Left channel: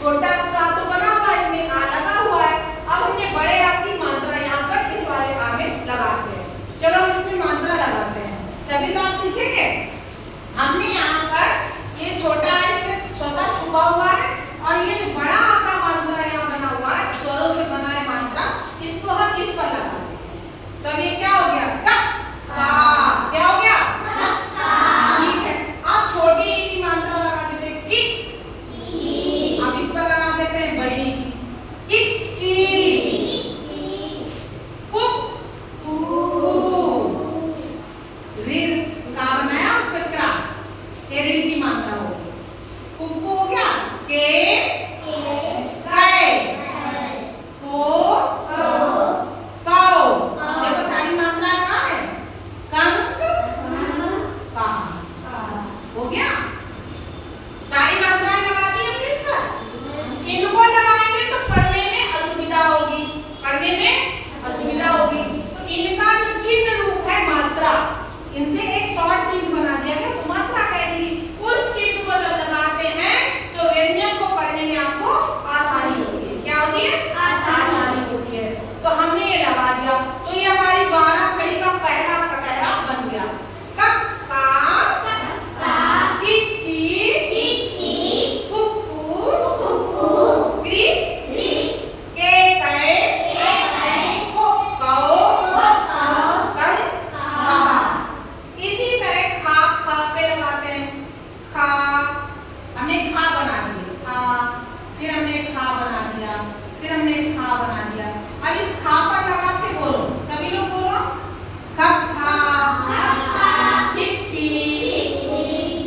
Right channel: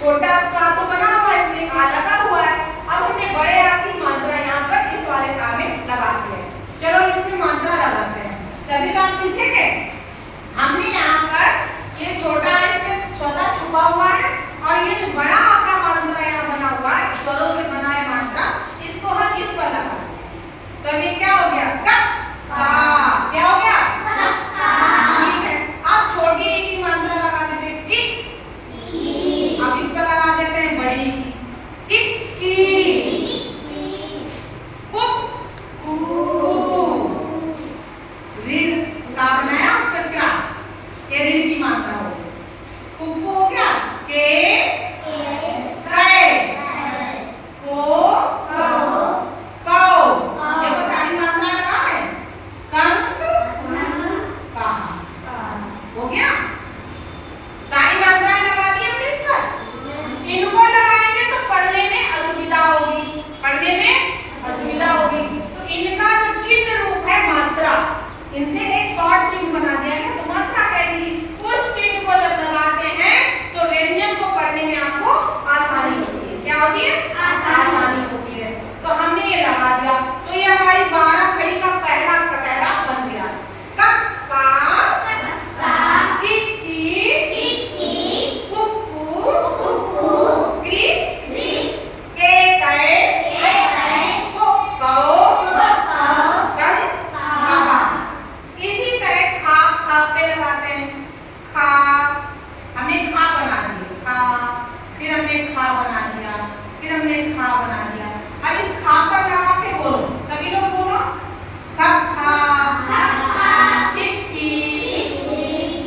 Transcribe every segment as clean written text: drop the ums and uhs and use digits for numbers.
छोटा का तो बना हुआ है, इसमें आ लगा हुआ है। अब हमने बड़े आ की मात्रा यहाँ पर इस वाले आ में लगाते हैं। चलो इसमें मात्रा लगाते हैं, तभी तो आप सीखेंगे। हमने यहाँ पर ये छोटा है, इसमें स्वतः छुपा हुआ है, और ये बड़ा आ का मात्रा यहाँ बना हुआ है, स्वरों से बना है मात्रा, इसको हम इस पर लगाते हैं। तो ये क्या हो गया? कप का। क्या हो गया? कप का। ठीक है। अब छोटी ई की मात्रा लगा देते हैं, किक। अब इस पर लगा देते हैं बड़ी किक की। कुक रीर का बनाया, उस पर क्रा के रीर की मात्रा हो गई। कुक हो गया के कै को कौ। देखो सारी मात्रा लगा है। कंक का हो गया। सारी मात्राएं लगा दी हमने इस पर। इनको लगाएंगे तो पढ़ने में असुविधा होगी, पढ़ने में असुविधा होगी। तो इनका जो चिन्ह रूप है मात्रा, इनसे एक शॉर्ट चिन्ह बना दिया गया, तो मात्रा कहेगी। उस चिन्ह को जब लगाते हैं तो व्यंजन को पढ़ने में आपको आसानी होती है। क्या होती है? आसानी होती है। तो हमने ये लगा दिया, तो ये हमारी 12 खड़ी का पहला कटहरा बन गया। कक्का, किक्की, कुक्कू, क्रीक, केकै, कौ, कंक, कहा। इसी तरह खा खा पे लगाते हैं। खा हमने खा बना दिया, खा, फिर हमने खा बना दिया, फिर हमने खा बना दिया। अब इस खा पर लगा के बोलो, सभी लोग बोलो। खक्खा, किक्की,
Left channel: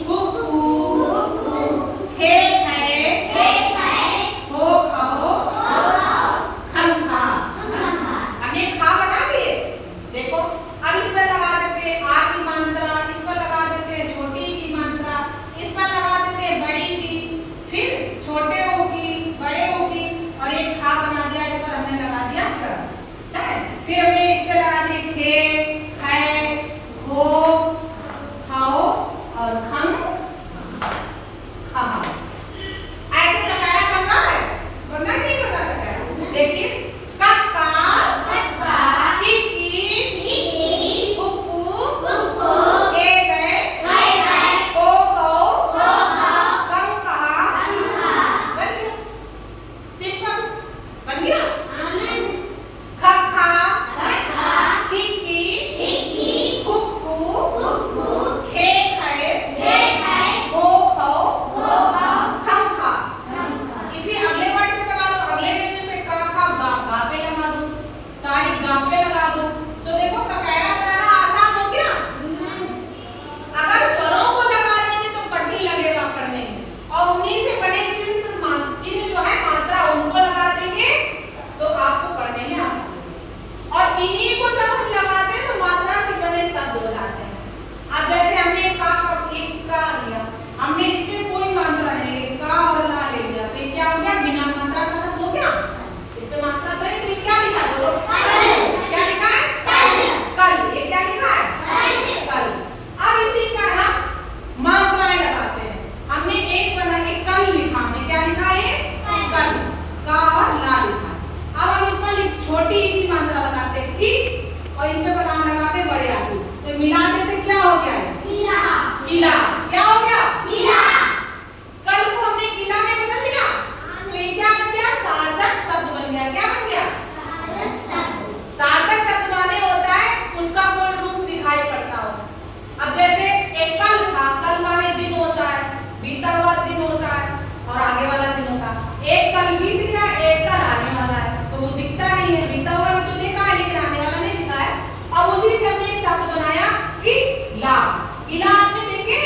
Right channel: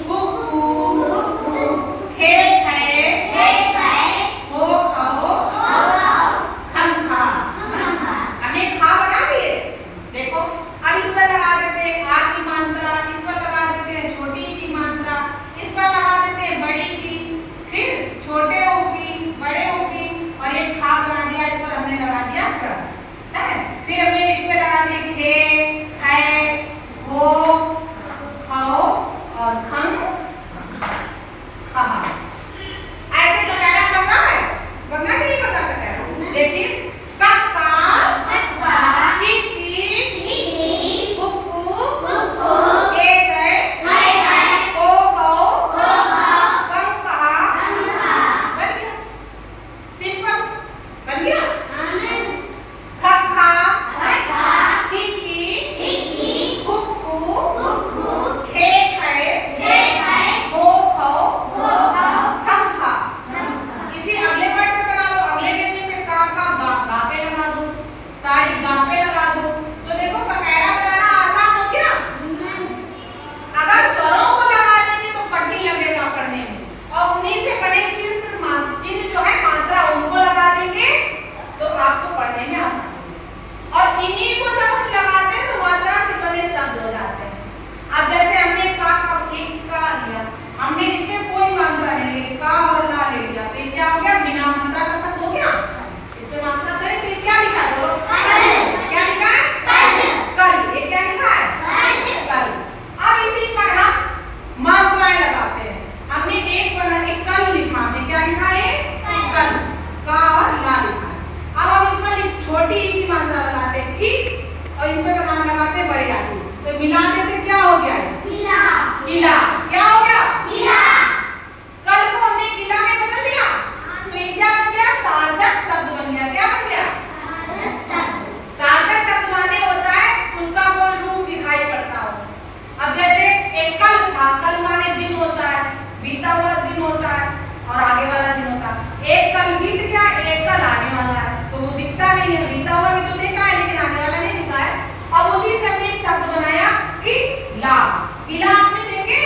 कुक्कू, खेखै, हो खौ, खंखा। हमने खा बना दिए। देखो अब इस पर लगा देते हैं आ की मात्रा, इस पर लगा देते हैं छोटी की मात्रा, इस पर लगा देते हैं बड़ी की, फिर छोटे ओ की, बड़े ओ की, और एक खा बना दिया, इस पर हमने लगा दिया क्र, है। फिर हमने इस पर लगा दिए खे, खै, हो, खौ और खं, खहा। ऐसे कटहरा करना है, वरना नहीं करना कटहरा। देखिए कक्का, किक्की, कुक्कू, केकै, को कौ, कंक कहा। बन गया, सिंपल बन गया। खक्खा, किक्की, कुक्कू, खेखै, हो खौ, खंखा। इसी अगले वर्ड पे करा लो, अगले व्यंजन पे का खा गा पे लगा दो, सारी गा पे लगा दो। तो देखो कटहरा बनाना आसान हो गया। अगर स्वरों को लगा देंगे तो कठिन लगेगा पढ़ने में, और उन्हीं से बने चिन्ह जो है मात्रा, उनको लगा देंगे तो आपको पढ़ने में आसान होगा। और इन्हीं को जब हम लगाते हैं तो मात्रा से बने शब्द हो जाते हैं। अब जैसे हमने का एक का लिया, हमने इसमें कोई मात्रा नहीं ली, का और ला ले लिया, तो ये क्या हो गया? बिना मात्रा का शब्द हो गया। इसमें मात्रा करें तो ये क्या लिखा है? बोलो क्या लिखा है? कल। ये क्या लिखा है? कल। अब इसी पर हम मात्राएं लगाते हैं। हमने एक बना के कल लिखा, हमने क्या लिखा है? कल। का और ला लिखा है। अब हम इस पर छोटी ई की मात्रा लगाते हैं की, और इस पे बनाना लगाते हैं बड़े आ की, तो मिला देते क्या हो गया? किला। क्या हो गया? कल को हमने किला में बदल दिया, तो ये क्या बन गया? सार्थक शब्द बन गया। क्या बन गया? सार्थक शब्द माने होता है उसका कोई रूप दिखाई पड़ता हो। अब जैसे एक कल था, कल माने दिन होता है, बीता हुआ दिन होता है और आगे वाला दिन होता है। एक कल बीत गया, एक कल आने वाला है, तो वो दिखता नहीं है। बीता हुआ भी तो देखा है, लेकिन आने वाला नहीं दिखा है। अब उसी से हमने एक शब्द बनाया किला। किला आपने देखे?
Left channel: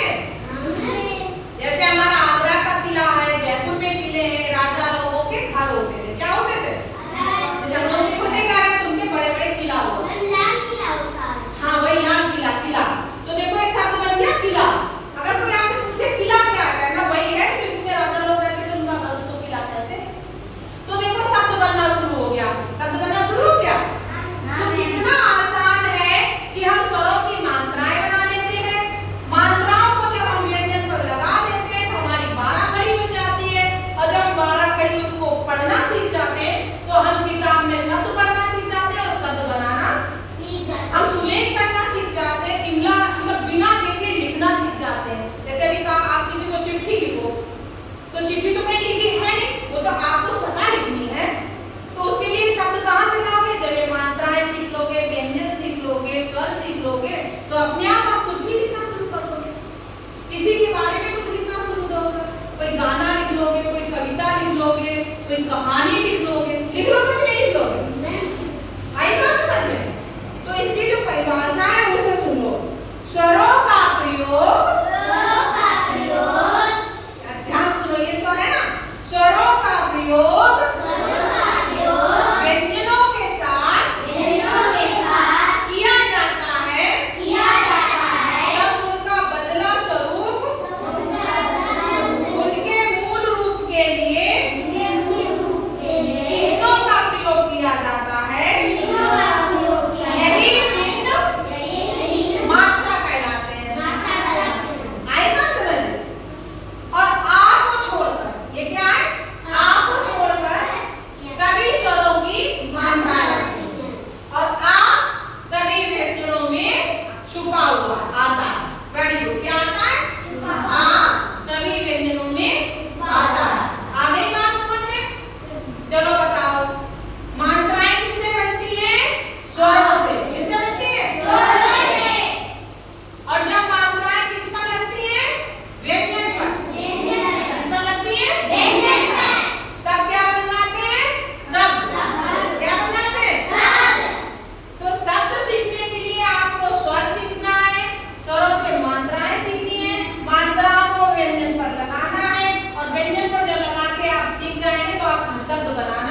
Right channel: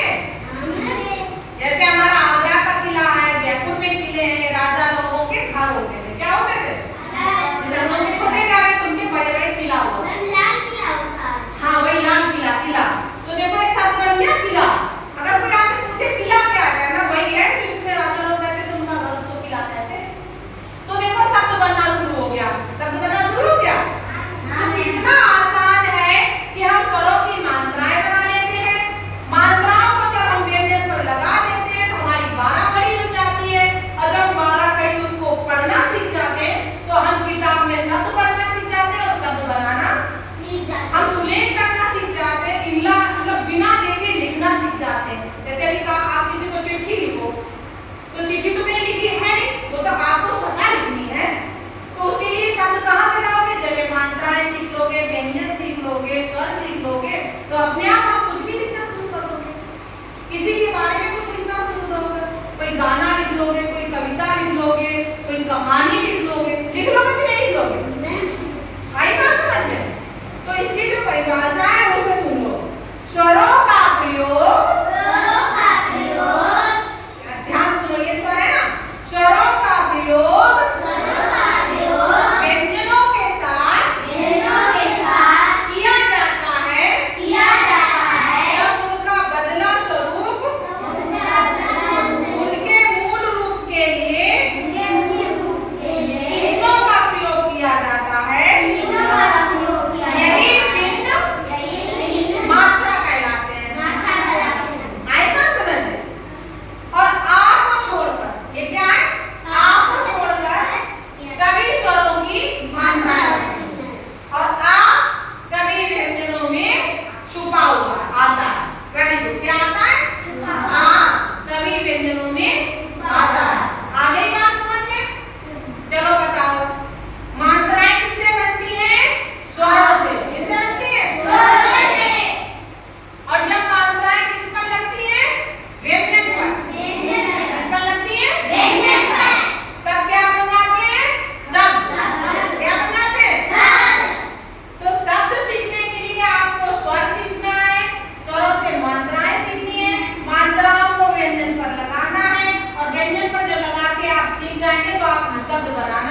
कहानी लिख लोगे कि नहीं लिख लोगे? आई बात समझ में? तो इसकी जो परिभाषा है उसे सुन लो। स्वरों का प्रयोग, ध्यान से सुनो, ये स्वर है ना, स्वरों का प्रयोग व्यंजनों के साथ किया जाता है, तब उनका बदला स्वरूप उनके मूल रूप के लिए चिन्हों का प्रयोग किया जाता है। यही चिन्ह मात्रा कहलाते हैं। आए ना समझ? और आ को छोड़कर, ये क्या है? आ को छोड़कर सभी स्वरों की मात्रा होती है और आ सभी व्यंजनों में छुपा हुआ आता है। Very good. क्या आता है? आ सभी व्यंजनों में आता है। आ गई बात समझ में? चलो बताओ, मात्राएं किससे बनती हैं? स्वरों से। किससे बनती है? और जब मात्राएं किस पर लगती है? व्यंजन पर। किस पर लगती है? तब क्या बन जाते हैं? शब्द। क्या बन जाते हैं? तो शब्द सीखने के लिए आपको स्वर सीखना है, स्वरों से मात्राएं सीखनी है, मात्राओं को व्यंजन पर लगाना है और व्यंजन पर जब लगा के आप सीख जाएंगे तो आप शब्द बनाना